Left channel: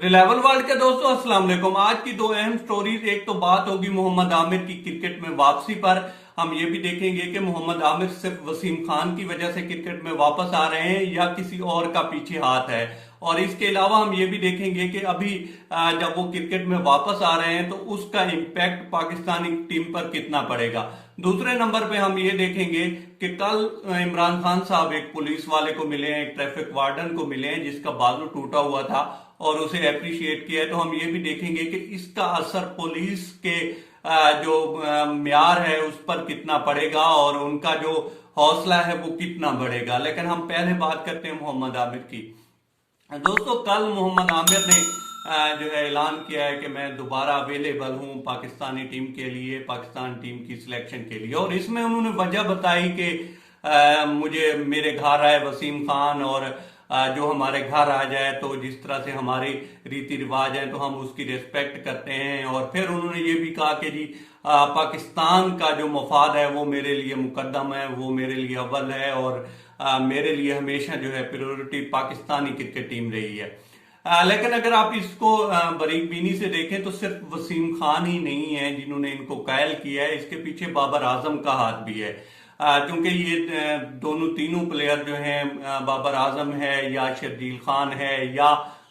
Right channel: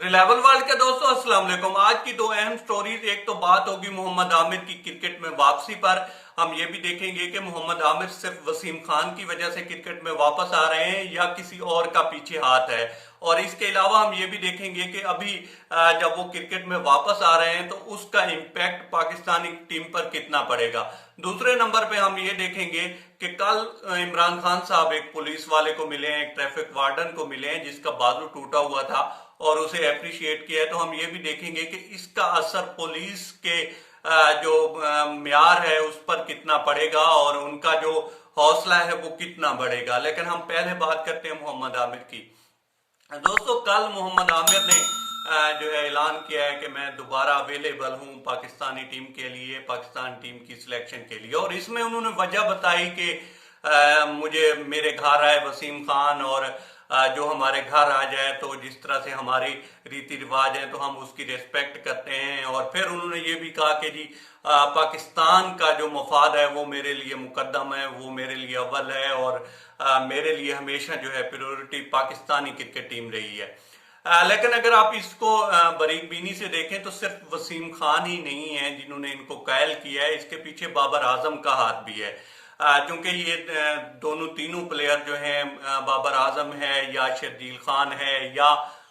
Reliable world के दोस्तों अस्सलाम वालेकुम। आज की दो अहम स्टोरीज, एक तो बात होगी मोहम्मद आमिर की क्रिकेट में वापसी पर। हम ये भी देखेंगे कि मोहम्मद आमिर सिर्फ वसीम खान की वजह से क्रिकेट में वापस आ रहे हैं या किसी और का पीछे हाथ है। और इसके अलावा हम ये भी देखेंगे कि अभी जब वो क्रिकेट में वापस आ रहे हैं तो उसका इम्पैक्ट पाकिस्तानी टीम पर कितना पड़ेगा। दूसरे नंबर पे हम ये देखेंगे कि कल इमरान खान साहब एक पुलिस वाले को मिले हैं, एक ट्रैफिक वार्डन को मिले हैं जिसका बाजू टूटा हुआ था और उसे अप्रिशिएट किया है। तो हम ये भी देखेंगे कि इसका असर पुलिस के जो म्यार है उस पर कितना पड़ेगा और उनका जो हौसला है वो कितना बढ़ेगा। लेकिन हम पहले बात करते हैं मोहम्मद आमिर की। दोस्तों कल मोहम्मद आमिर ने जो है ऐलान किया है कि मैं दोबारा अवेलेबल हूं पाकिस्तानी टीम के लिए, पाकिस्तान टीम की सिलेक्शन के लिए। और इसमें उन्होंने वजह बताई कि मुझे मेरे घर आए वसीम खान और जो हमारे घर आ जाए तो जिस तरह से हमारी रीति रिवाज है तो हम उसकी रिस्पेक्ट करते हैं। और फिर उन्होंने ये भी कहा कि जी पाकिस्तान का जो मफाद है वो मेरे लिए मुकद्दम है, वो मेरे लिए अव्वल है और मेरे लिए हमेशा जो है प्रायोरिटी पाकिस्तानी क्रिकेट टीम रही है। लेकिन अगर आप इसको बारीक बीनी से देखें तो सिर्फ वसीम खान ही नहीं है जिन्होंने इनको कायल किया है, इसके पीछे बाबर आजम का हाथ भी है। क्योंकि ये दोनों तीनों प्लेयर जो हैं, बाबर आजम है या शर्जील खान है या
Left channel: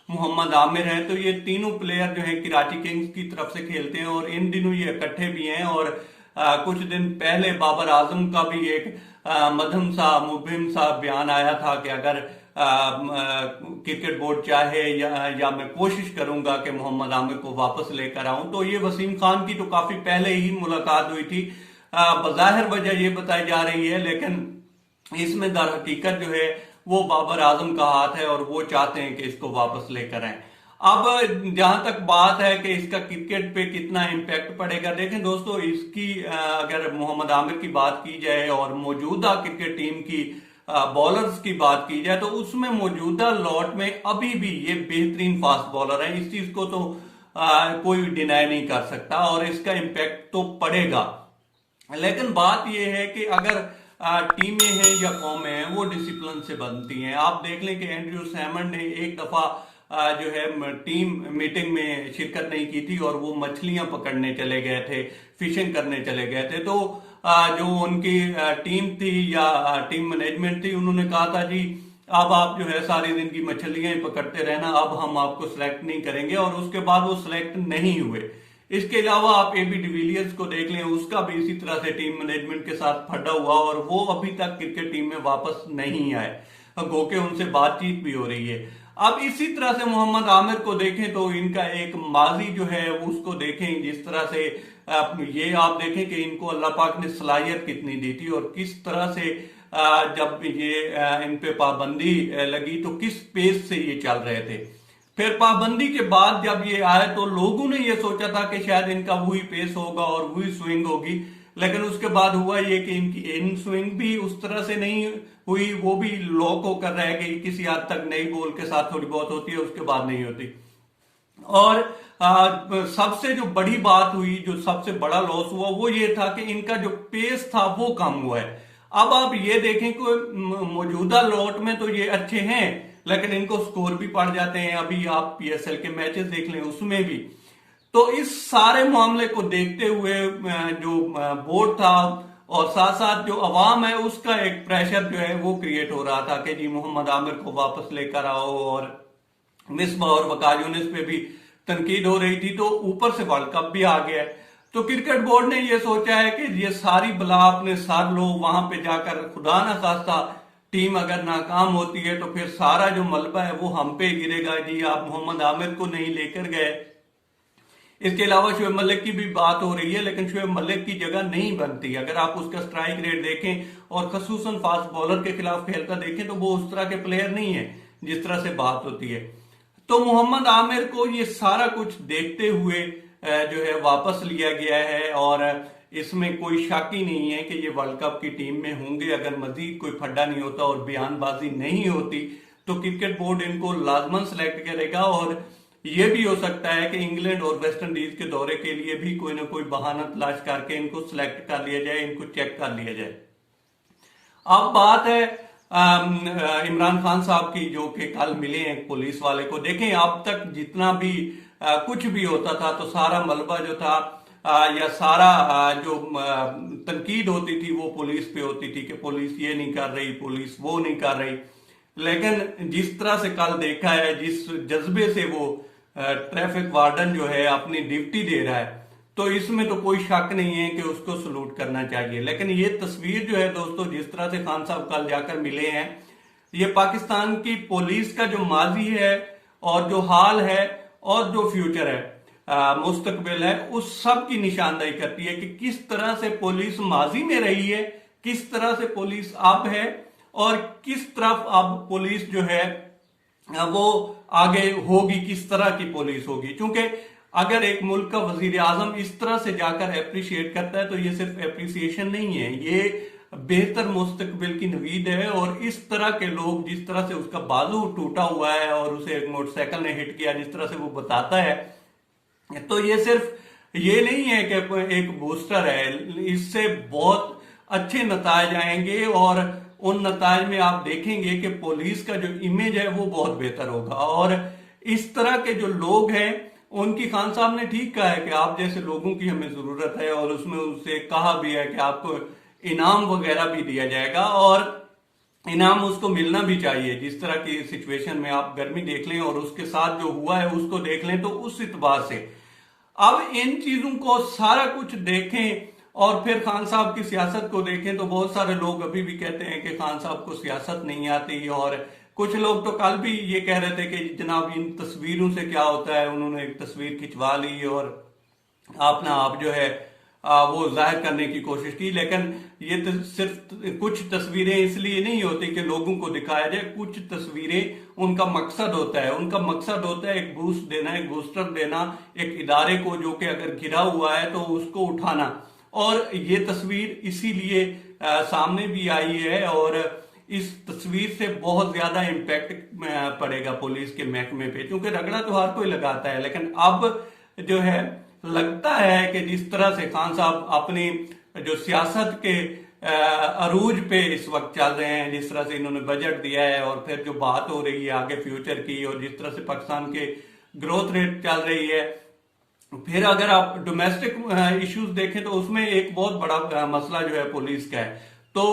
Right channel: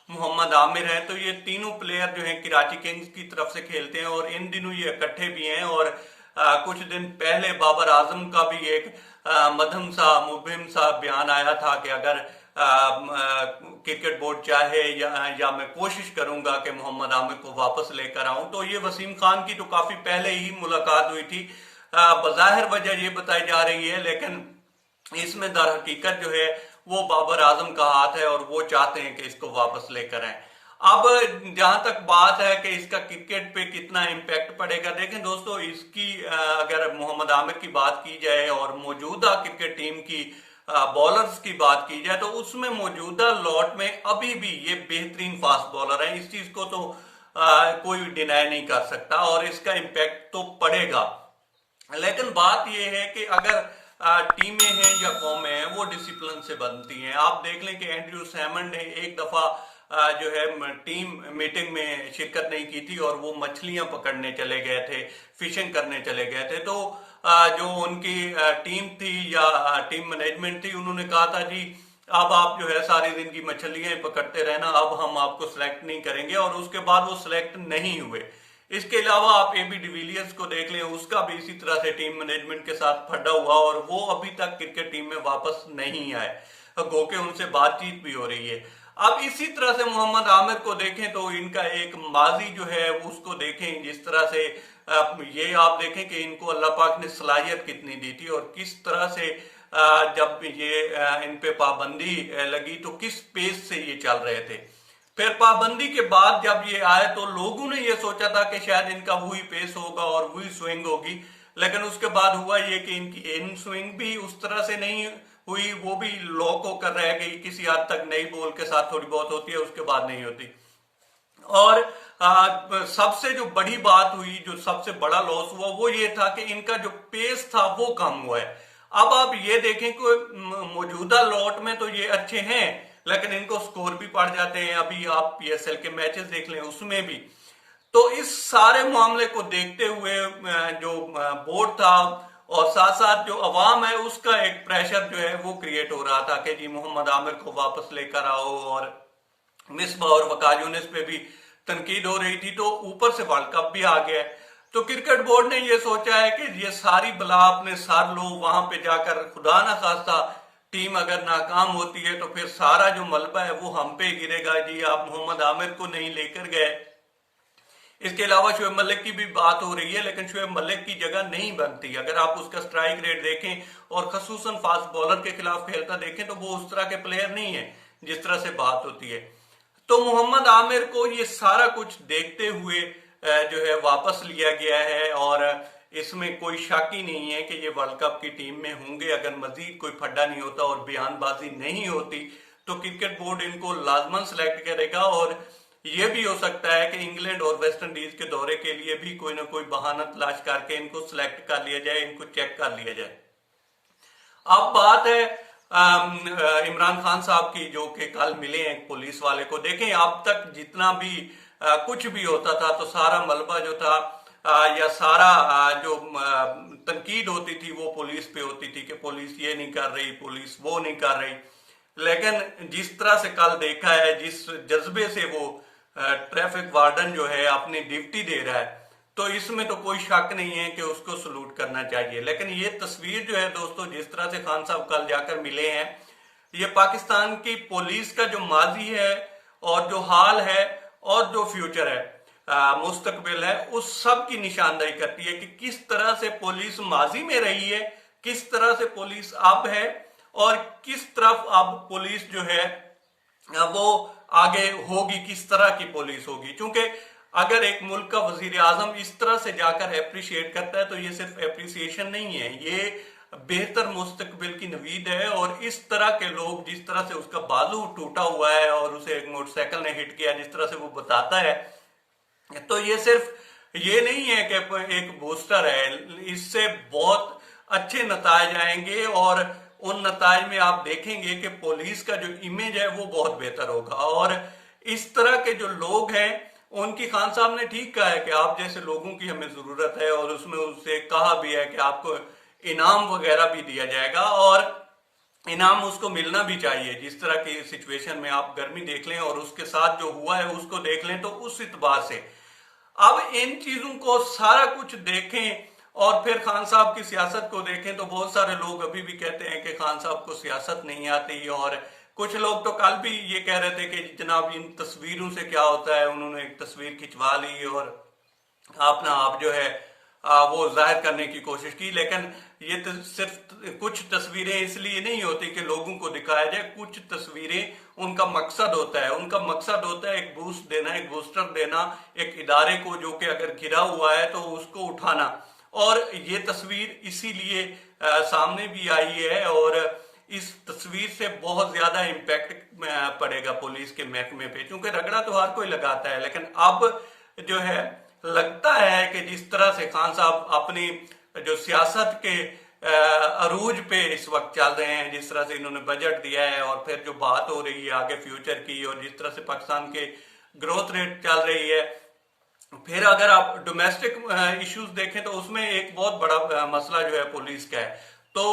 मोहम्मद आमिर है, तो ये तीनों प्लेयर जो हैं कराची किंग्स की तरफ से खेलते हैं और इन दिनों ये इकट्ठे भी हैं। और कुछ दिन पहले बाबर आजम का भी एक मध्यम सा मुबहिम सा बयान आया था कि अगर क्रिकेट बोर्ड चाहे या मैं कोशिश करूंगा कि मोहम्मद आमिर को वापस लेकर आऊं। तो ये वसीम खान की तो काफी पहले ही मुलाकात हुई थी, बज़ाहिर वजह ये बताई जा रही है, लेकिन इसमें दर हकीकत जो है वो बाबर आजम का हाथ है और वो चाहते हैं कि इसको वापस लेकर आए। अब जहां तक बात है कि इसका क्रिकेट पे कितना इम्पैक्ट पड़ेगा, देखें दोस्तों इसकी अगर मोहम्मद आमिर की बात की जाए और मौजूदा क्रिकेट टीम की बॉलर्स की बात की जाए तो उसमें मौजूदा लॉट में अभी भी ये बेहतरीन फास्ट बॉलर है। इस चीज को तो कोई डिनाई नहीं कर सकता और इसका इम्पैक्ट तो पड़ेगा। लेकिन बात यह है कि अगर टीमें हैं या कौमें हैं वो डिसिप्लिन से बनती हैं। आप देख लें कि एंड्रयू सैमंड ने एक दफा जो है टीम मीटिंग में शिरकत नहीं की थी और वो मछलियां पकड़ने चले गए थे, फिशिंग करने चले गए थे। तो जो उनकी टीम थी या टीम मैनेजमेंट थी, उन्होंने कहा था जी अब आप जो है सारी दिन की मछलियां पकड़ते रहना, अब हम आपको सिलेक्ट नहीं करेंगे। और उसके बाद वो सिलेक्ट नहीं हुए। इसके अलावा आप एबी डिविलियर्स को देख लें, उसका भी इसी तरह से टीम मैनेजमेंट के साथ फटा हुआ और वो अभी तक क्रिकेट टीम में वापस नहीं आए, गो के उनसे बातचीत भी हो रही है। अब इसी तरह से मोहम्मद आमिर को देखें तो इनका एक माजी जो है उसको देखें, जिस तरह से ये आप देखें कि इनको अल्लाह पाक ने सलाहियत कितनी दी थी और किस तरह से जब ये इन पे पाबंदी लगी तो किस पेस से ये चल रहे थे। फिर पाबंदी के बाद जब ये आए तो लोगों ने ये सोचा था कि शायद इनका वही पेस होगा और वही स्विंग होगी, लेकिन उसके बाद हुआ ये कि इनकी इन स्विंग भी उस तरह से नहीं हुई, वो भी लॉक होकर रह गई। किसी हद तक नई बॉल के साथ थोड़ी बहुत होती है, उसके बाद नहीं होती। और सबसे जो बड़ी बात हुई, जो सबसे बड़ा लॉस हुआ वो ये था कि इनका जो पेस था वो कम हुआ है। अब आप ये देखें कि मौजूदा लॉट में तो ये अच्छे हैं लेकिन इनको स्कोर भी पड़ जाते हैं। अभी आप पीएसएल के मैचेस देख लें उसमें भी। तो इस सारे मामले को देखते हुए जो बोर्ड था और साथ साथ जो अवाम है उसका एक प्रेशर जो है वो क्रिएट हो रहा था कि जी मोहम्मद आमिर को वापस लेकर आओ। और मिसबाह और वकास यूनिस पे भी तनकीद हो रही थी। तो ऊपर से वर्ल्ड कप भी आ गया है। तो क्रिकेट बोर्ड ने ये सोचा है कि ये सारी बला अपने सर लो, वहां पे जाकर खुदा ना खास्ता टीम अगर नाकाम होती है तो फिर सारा जो मलबा है वो हम पे गिरेगा, जी आप मोहम्मद आमिर को नहीं लेकर गए। इसके अलावा शुएब मलिक की भी बात हो रही है, लेकिन शुएब मलिक की जगह नहीं बनती। अगर आप उसका स्ट्राइक रेट देखें और खसूसन फास्ट बॉलर के खिलाफ खेलता देखें तो वो उस तरह के प्लेयर नहीं है जिस तरह से बात होती है। तो मोहम्मद आमिर को ये सारा कुछ देखते हुए जो है वापस लिया गया है और इसमें कोई शक ही नहीं है कि ये वर्ल्ड कप की टीम में होंगे। अगर मजीद कोई फड्डा नहीं होता और बयानबाजी नहीं होती तो क्रिकेट बोर्ड इनको लाजमन सेलेक्ट करेगा। और ये भी हो सकता है कि इंग्लैंड और वेस्ट इंडीज के दौरे के लिए भी कोई ना कोई बहाना तलाश करके इनको सिलेक्ट कर लिया जाए, इनको चेक कर लिया जाए। अब बात है इमरान खान साहब की, जो कि कल मिले हैं पुलिस वाले को। देखें, अब तक जितना भी कुछ भी होता था तो सारा मलबा जो था या सारा जो तनकीद होती थी वो पुलिस पे होती थी कि पुलिस ये नहीं कर रही, पुलिस वो नहीं कर रही। लेकिन जिस तरह से कल देखा है, जिस जज्बे से वो ट्रैफिक वार्डन जो है अपनी ड्यूटी दे रहा है, तो इसमें तो कोई शक नहीं है कि उसको सलूट करना चाहिए। लेकिन ये तस्वीर जो है दोस्तों, जिस तरह से खान साहब कल जाकर मिले हैं, ये पाकिस्तान की पुलिस का जो माजी है और जो हाल है और जो फ्यूचर है, मुस्तकबिल है, उस सब की निशानदेही करती है कि किस तरह से पुलिस माजी में रही है, किस तरह से पुलिस अब है और किस तरफ अब पुलिस जो है वो आगे होगी, किस तरह की पुलिस होगी। क्योंकि अगर एक मुल्क का वजीर आजम इस तरह से जाकर अप्रिशिएट करता है तो ये सिर्फ अप्रिसिएशन नहीं है, ये बेहतर मुस्तकबिल की नवीद है। और इस तरह के लोग, जिस तरह से उसका बाजू टूटा हुआ है और उसे एक मोटरसाइकिल ने हिट किया, जिस तरह से वो बताता है, तो ये सिर्फ ये नहीं है कि एक बूस्टर है, इससे बहुत अच्छे नताज आएंगे और उन नताज में आप देखेंगे कि पुलिस का जो इमेज है वो बहुत बेहतर होगा। और इस तरह के जो लोग हैं उनकी खान साहब ने ठीक कहा है कि आप जैसे लोगों की हमें जरूरत है, और उसमें उससे कहा भी है कि आपको इनाम वगैरह भी दिया जाएगा और इनाम उसको मिलना भी चाहिए। जिस तरह की सिचुएशन में आप गर्मी देख लें और उसके साथ जो हुआ है उसको देख लें, तो उस इतबार से अब इन चीजों को सारा कुछ देखें और फिर खान साहब की सियासत को देखें, तो बहुत सारे लोग अभी भी कहते हैं कि खान साहब को सियासत नहीं आती। और कुछ लोग तो कल भी ये कह रहे थे कि जनाब इन तस्वीरों से क्या होता है, उन्होंने एक तस्वीर खिंचवा ली और अपना आप जो है वो जाहिर करने की कोशिश की। लेकिन ये तो सिर्फ कुछ तस्वीरें इसलिए नहीं होती कि लोगों को दिखाया जाए, कुछ तस्वीरें उनका मकसद होता है, उनका मकसद होता है एक बूस्ट देना, एक बूस्टर देना एक इदारे को जो कि अगर गिरा हुआ है तो उसको उठाना। और ये तस्वीर इसीलिए सामने भी आई है और इस तस्वीर से बहुत ज्यादा इम्पैक्ट पड़ेगा पुलिस के महकमे पे, क्योंकि रगड़ा तो हर कोई लगाता है। लेकिन अब जो है लगता है कि जिस तरह से खान साहब अपनी जो सियासत के अरूज पे इस वक्त चल रहे हैं, जिस तरह से इन्होंने बजट दिया है और फिर जो बात हो रही है आगे फ्यूचर की, और जिस तरह से पाकिस्तान के ग्रोथ रेट चल रही है, फिर अगर आप डोमेस्टिक इश्यूज देखें तो उसमें एक बहुत बड़ा मसला जो है पुलिस का है। तो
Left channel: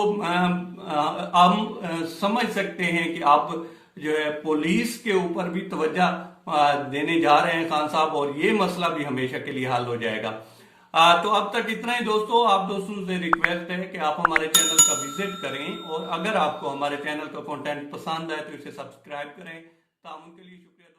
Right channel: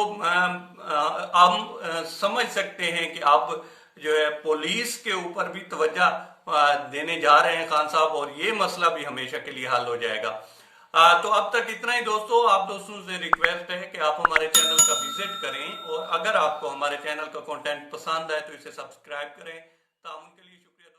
हम समझ सकते हैं कि अब जो है पुलिस के ऊपर भी तवज्जो देने जा रहे हैं खान साहब, और ये मसला भी हमेशा के लिए हल हो जाएगा। तो अब तक इतना ही दोस्तों। आप दोस्तों से रिक्वेस्ट है कि आप हमारे चैनल का विजिट करें, और अगर आपको हमारे चैनल का कंटेंट पसंद है तो इसे सब्सक्राइब करें। तो उनके लिए शुक्रिया।